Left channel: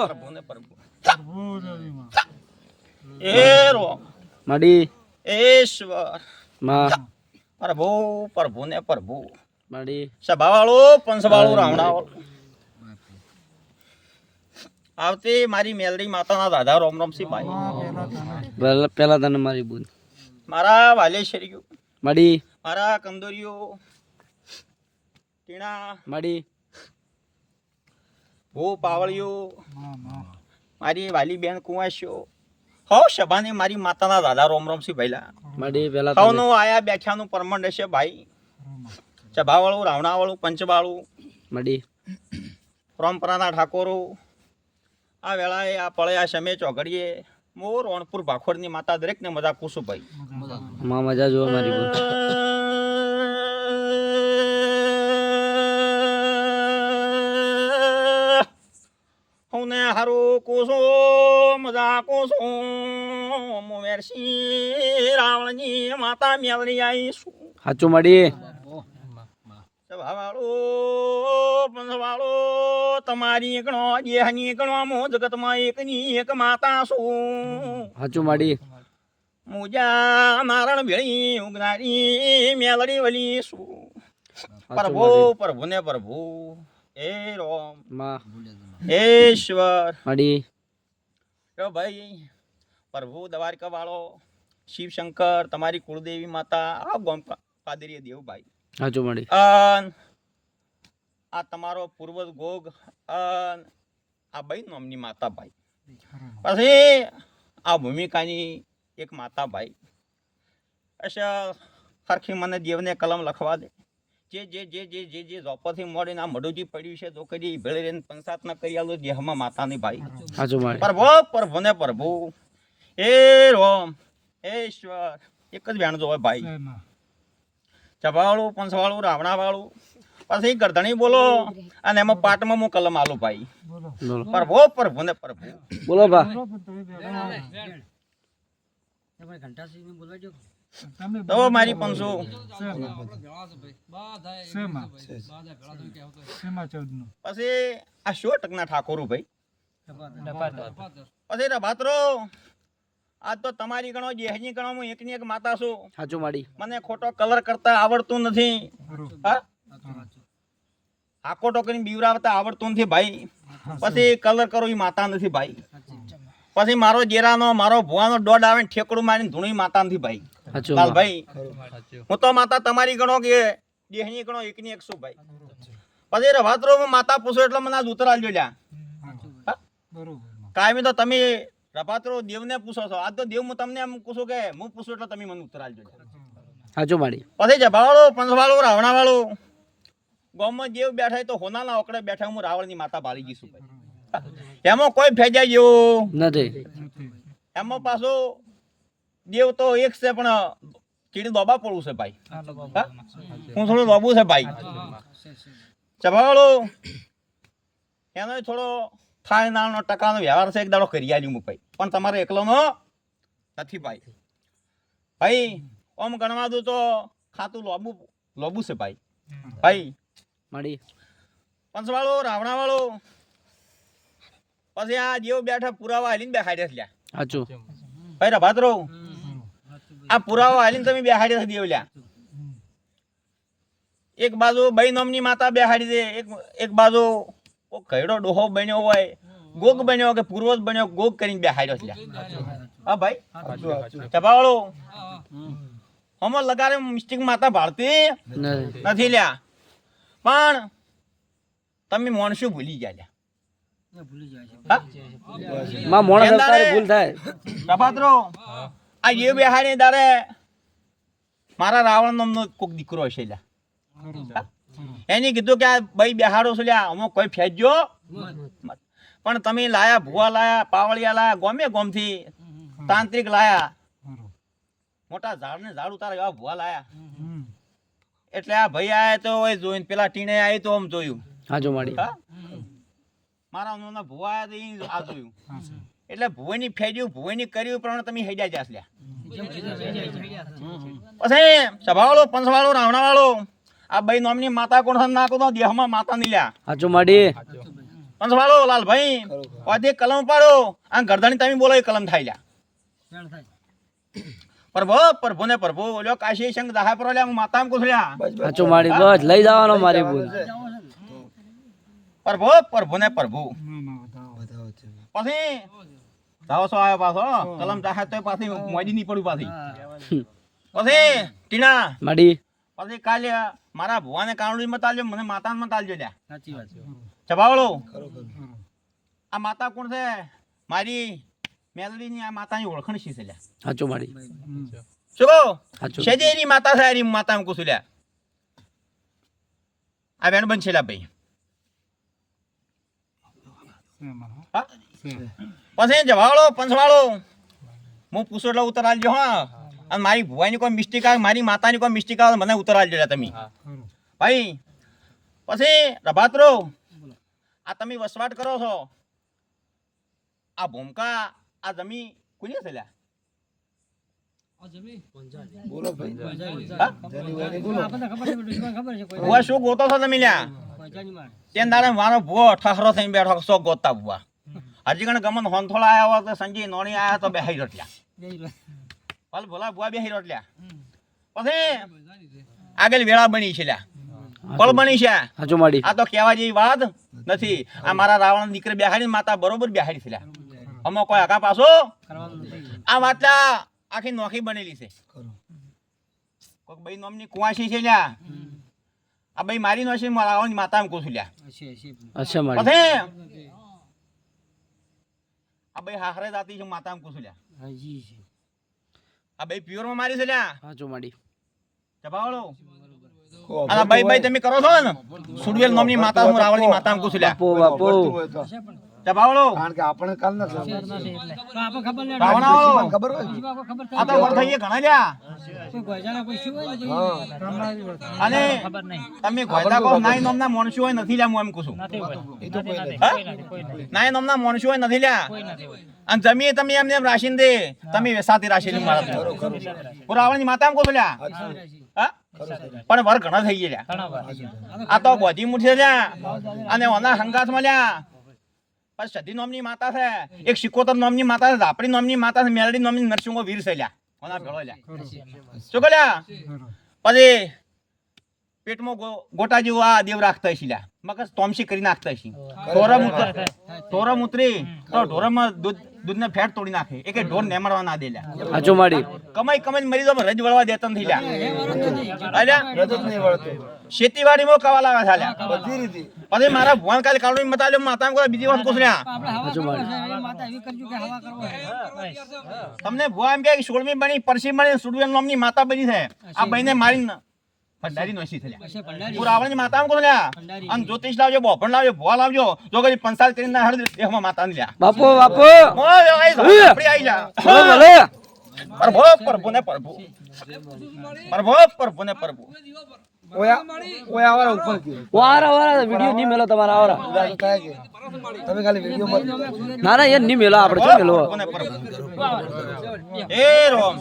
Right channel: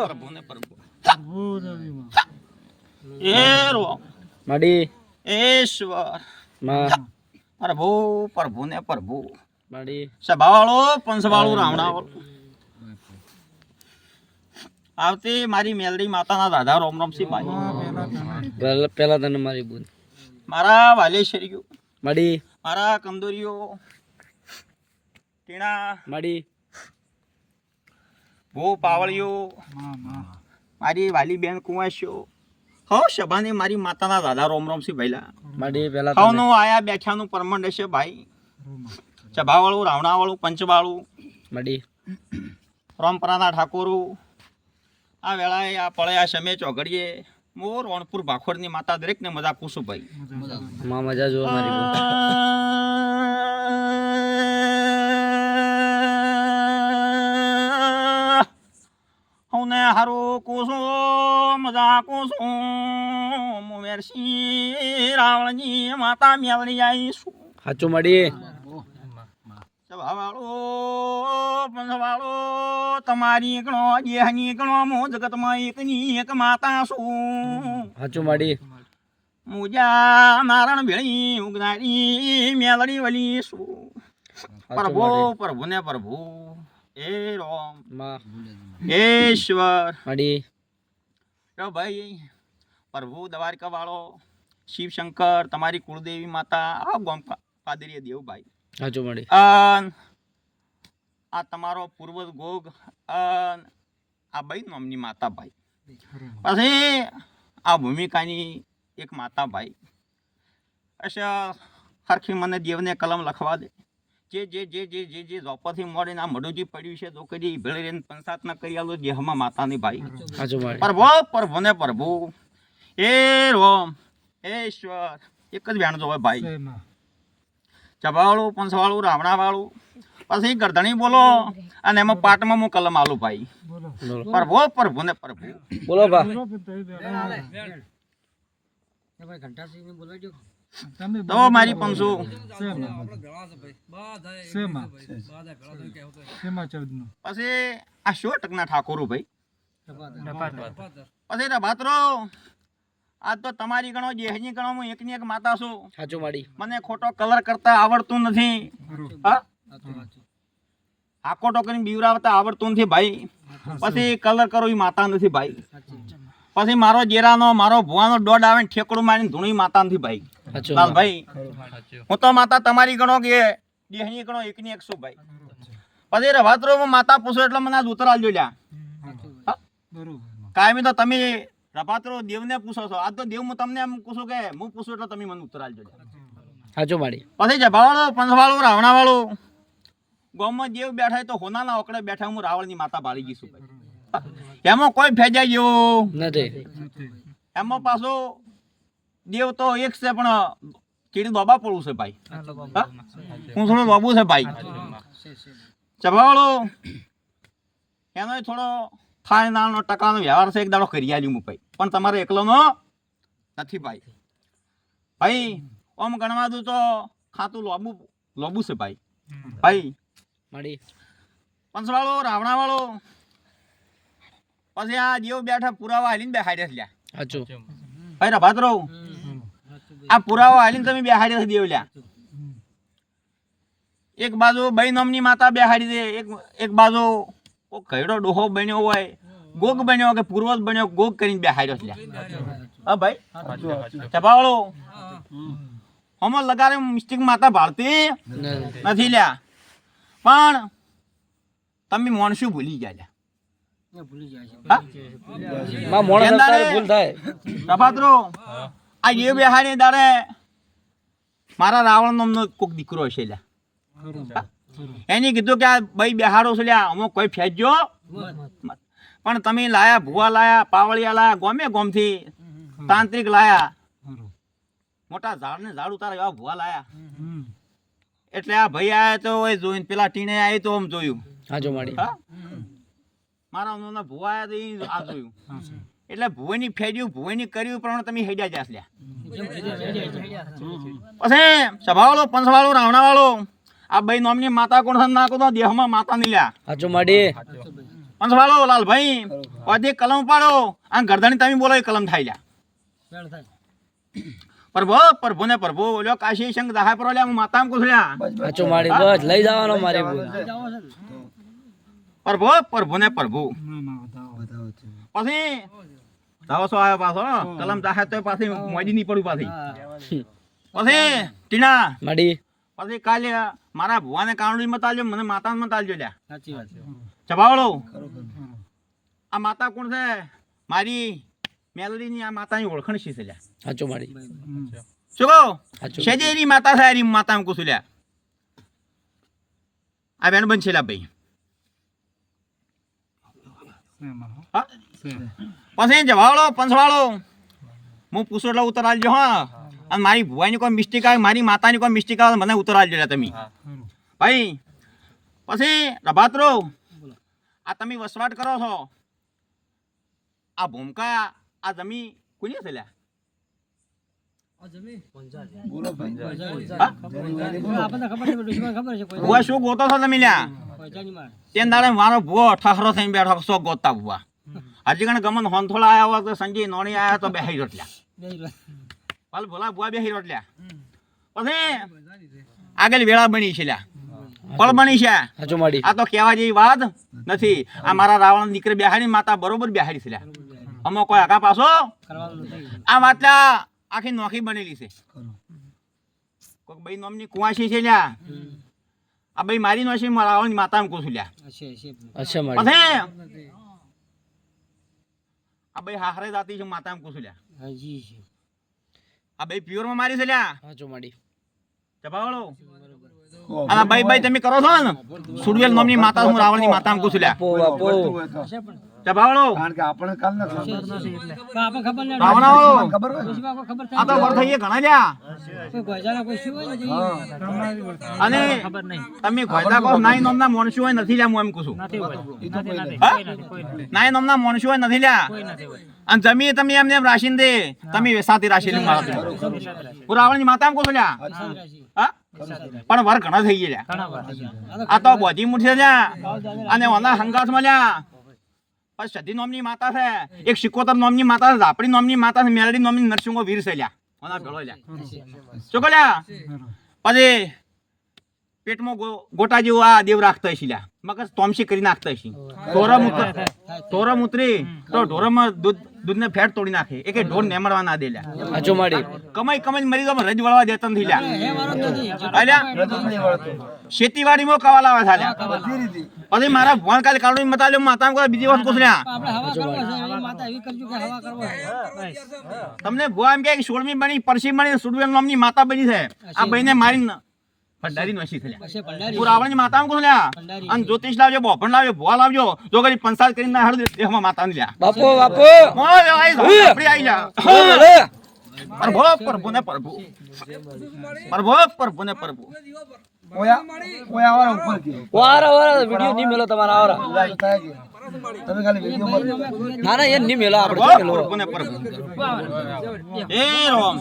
પ્રભુને પ્રભુ એરો મડી ઈશ્વર માં પ્રભુ પ્રભુને પ્રભુ મડી સભાવાળો પંચવાળો રાવણાવાળો આવતી મારી મેલડી માતાના દાદા રોમ રોમસિંહ ભાઈ પેલા તને મારી બોલ મારા વાલેશ્વરીઓ મડી મારા કંદોરીઓ ટીણા મડી ભૂ પાવળીઓ મારી વાલી બેન કુંવાસીઓ હો સભાની મારી માતાના દાદા રોમ રોમસિંહ ભાઈલા મડી પેલા સૌનું આયા બેઠાનું પરમંડ છે ભાઈ સભાવાળું રાવણાવાળું પંચવાળું મડી પરંપરાના ઠાકોરો આ વેળાએ આ પળે આ સમય ચોઘડીએ મોર રણપુર ભાખોડની માતા દરેકને મજા પૂછું ભાઈ માં મજા જો મારી બોલ હું ને હારું કુસો મજા કુસો મેરસી રાવણની માતા મેળવી આવીશું સાચું મડી સભાવાળો પંચવાળો તમારી ગણો દેહની ગણો મો જગતમાં એકની એક માતા છું સાચું મડી મુજા મારણ ભેળી ઉગનારી મેલડી વલી છું પ્રભુ પ્રભુને પ્રભુ એ રોમ માં ઈશ્વર મડી જો ભાઈ પ્રભુ દ્વારકા વાળો શિવશંકર તમારી કુળદેવી માતા આ ગોમ પાદરીય દેવ ભાઈ સાચું મડી આ તમારો પૂર્વજ ગોગ આ ભાઈ નામની માતા ભાઈ પછી આ ભૂમિકાની એક માતા ભાઈ અચ્છા હરખી મને દેવને કલમ લખવા દે જે જે જે જે જે જે ઝોપરથી મળીને આ મડુજી પડ્યું છે તો કદી ભેળે રહીને પંચાત ના કરી આલો દેહમાં માતાની ભાઈ સાચું મડી પ્રભુ પ્રભુને પ્રભુ એ રોમ એ ઈશ્વર એક જ વેણ હોય ભાઈ ચભાવાળું પંચવાળું રાવણાવાળું પછી ગરધણી બોલો અને એમાં પાટમાં હું કલમ આલું ભાઈ પ્રભુ પ્રભુને પ્રભુ બોલો બા તો મારી પંચો પછી આ 100 ટકના ઠાકોર ભાઈ પછી રભાતરો આ તો તમારી ગણો દેહની ગણો હું એકની એક માતા છું સાચું મડી મને ખોટો કલર કરતા આવડતું નથી હા આખો ટોકરી બીવરાવતા આવડતું નથી ભાઈ પછી કલર કરો એ માતા નથી ભાઈ પછી મારો જેરાનો મારો ભુવાનો દોડ આવે ને ઠેકડું મારીને ધૂણી માતા નથી ભાઈ લાલ ભાઈ હું તો માતા તમારી ગણો કે દેહની ગણો એકની એક છું ભાઈ પછી રભાતરો માતા પૂછો એટલે મને આજ ઉતર આલજો લ્યા કાયમી તો તમે રભાતરો દેવને પૂછો છો આજ તો દેવ હું તમને એમ પૂછું કે હું પૂછું એટલે તમે મને ઉત્તર આલજો સાચું મડી પછી જભાવાળો પંચવાળો રાવણાવાળો ગામમાં દેવ બેઠા તો હોનાના ઓકડે બેઠા હું રાવણની માતા બાળી જઈશું એમાં કોઈ ફેજા જેવો નથી એમાં પાછો દેવ તો એક છે પણ કીડી દોબા પડવું છે ભાઈ હું થોડું દોબું છે ભાઈ જભાવાળો એનો થોડો થાય નાનો ટકાનો વ્યવહાર છે એક દાડો કરી આલ્યું હું ભાઈ પણ તમારે એકલોનો નથી ભાઈ ભાઈ ઓમ ગણવા દઉં તો ખાતું લોબું છે ભાઈ ભાઈ મડી પંચવાળો રાવણાવાળો પછી આ જેવ બેઠા પુરાવા હાલીને બેહાડ્યા લ્યા સાચું ભાઈ રભાતરો આ પુરાવા હાલીને તમે બેહાડ્યા દેવ લ્યા એક બાજુ ભાઈ નામની માતા બેહાડી દે એક બાજુ કઈડો ડોહો બન્યો હોય ગોગ બન્યો કે પૂર્વજ બન્યો ગોગ કરીને બેહાડ્યો લ્યા હા ભાઈ ચપાવાળો હમો લગાડે મિસ્ટેક માતા ભારતી નથી લ્યા પણ તમે મોણશું ભૂલી ગયા પ્રભાતરો આ જે બેહાડી દાડે મારા રાવણ નામનો કોક દીકરો હશે લ્યા એની કીધું કે આ ભાઈ બેહાડો છે લ્યા અમુક કોઈ ફેંચજો પણ તમે લાયા ભુવા લાયા પાવળિયા લાયા ગોમે ગોમથી તાંત્રિક લાયા મોટા ઝાડ ને ઝાડ ઉતારે એવા ભુવા લાયા એટલે આ ભાઈ આયા તો જોઈને પેલા ટીણે આવી તો આમ જોયું હાજો મડી મારા નાના ભુવા આયા તો આ જોયું એટલે ભુવાની ફેર્યું ભુવાની કર્યું પણ તમે હેડ્યા જાસ લ્યા પછી સભાવાળો પંચવાળો રાવણાવાળો આ ભાઈ નામની માતા કોણ નાખો તો દેહમાં માતા ની લ્યા હાજો મડી પંચવાળો લાલભાઈ પાછી કલમ પાડો આ ગરદાની તમે બોલો એ કલમ થાય લ્યા પ્રભુ ને પ્રભુ લ્યો કાશી સંગ દાહા પર લ્યા હું માતામ કુસલ્યા સાચું માડી બસ લઈ જવાનો મારી ભૂલ પ્રભુ ને પ્રભુ પછી દાવો સો આવ્યો પાછો કલમ દાહા તો પાછી મોડી નહીં પડ્યું પાછી પછી ટીના માડી પછી કાલે મારા ભુવાને કારણી મત આલજો મને માતા મત આલજો લ્યા સાચી વાત છે ચબાવળો આ માતા કોણ છે મારી મેલડીની આ માતાની ઓળખણ શી છે લ્યા સાચું માડી શું કહો સાચું શેજેરી માતા છે એરી માતા એમ કુશું લ્યા આ બેન બન છે લ્યા ભાઈ હા? પછી જવાળો પંચવાળો હું પૂછું એટલે ઉત્તર આલજો હા અને મારી ભુવાની કોઈ મિસ્ટેક આવે મારી માતાની કોઈ મિસ્ટેક આવે મને ઉત્તર આલજો લ્યા તમે ભાઈ પછી રભાત્રો આ તમે વસવાટ કરો છો આ ભૂમકા આ જમી કોની છે લ્યા ભુવા શું ગોતો છો તમે લ્યા તે દાડે મારો ભુવો ઠહરો થઈને બેઠો શો ગોતતા ભુવા હજી કણ ગમન હોનથોળા આવ્યા હોય તો સંજય નોણી આવ્યા તો બેહી રોટલ્યા હાલ ભોલા ભુવા બેહી રોટલ્યા પછી આગળ વેળા બની છે લ્યા પળ બની છે સાચું માડી આ તો કહેવા જેવી વાત નથી આ મારા રાવણ દીકરી બેહાડી માતા બરોબર બેહાડી છે લ્યા અમો કોઈ આગા પાછો આ વાતલા આખી નોખી બનેલી છે કોઈક ભાઈ નામની કુવાસી છે લ્યા આ ભાઈ મારી નોશી રાવણ માતા એમ કહું છું લ્યા અચ્છા માડી પછી આ ભાઈ હાહરે જાતી છે માતા એમ કહું છું લ્યા હાજી છે આ ભાઈ પ્યોર માં મારી છે લ્યા સાચું માડી ચપાવાળો આ ભાઈ ભાઈ તમે કરો છો ને સુડવેલ નામની માતા હું રાવણની માતા એમ કહું છું લ્યા બાપો ચપાવાળો કારણ કે આપણે કાલ ના રાવણાવાળો ખબર હોય આ તો વર થઈએ ઘણા લ્યા અને તમે ગોયદા કહો નાઈ નામના મોણસું હોય નથી લ્યા હું એમ કહું છું હા? નાઈ નામના મોણસું હોય નથી લ્યા અને જમીએ તમે એમને એમ રાશિને દે તમે વેસાતી રાશિને મારો છો. હું રાવણની માતા એમ કહું છું લ્યા હા પણ વર ઘણા થઈ ગયા લ્યા આ તો બોજી મુઠી લ્યા અને ઓના હંગાથમાં લ્યા પછી સધી નામની માતા છે એક સિકોતર નામની માતા છે ઝાપડી નામની માતા છે મેલડી નામની નરસિંહો વીર છે લ્યા ઓના ભેળો લ્યા શું કહો લ્યા પછી પેટમાં ગોટા જેવું આ દેવ રાખતા હશે લ્યા મગજ તોમસી કરી નાખતા હશે ઢોરમ ઉતરી તો ઢોરમાં દૂધને ફેટ તોડી નાખે એક ઢોર નેમડવા ના દે લ્યા સાચું માડી કમાઈ કમાઈ મરી દો રજ વળવા દેતા નથી લ્યા ખેતીવાડીમાં કવા લાવે છે લ્યા બધી રીતે પછી મારા ભગવાન કાલે કાળું મતાલ્યો માતા કોઈ બીજી વાત પૂછ લ્યા તમને ભુવા એમ કે સોળમી બની પરસી બની સુડવેલ નામની માતા બની છે આ બહીને મારી ભંડારી નોશી થયા હું રાવણની માતા કહું લ્યા અને જ્યોતિષ લાવજો બોપણ લાવજો ભુવા લાવજો જો કરી પંચાયત કરીને ના હાડું દેહમાં માતા ને લ્યા બાપો બાપો ઓય આઈ જા આપડી આઈ જા પ્રભુ ને પ્રભુ પ્રભુ ને પ્રભુ ઓયા ઓયા વાળા ઉપર કે વારા વારા વિડિયો નહીં મેલો તમારા આવરા ઉડાય થાય કે તમે ખાલી વિડિયો માં ના ના એ નહીં મેલો આપણે શું મેલો પ્રભુ ને પ્રભુ એ રામ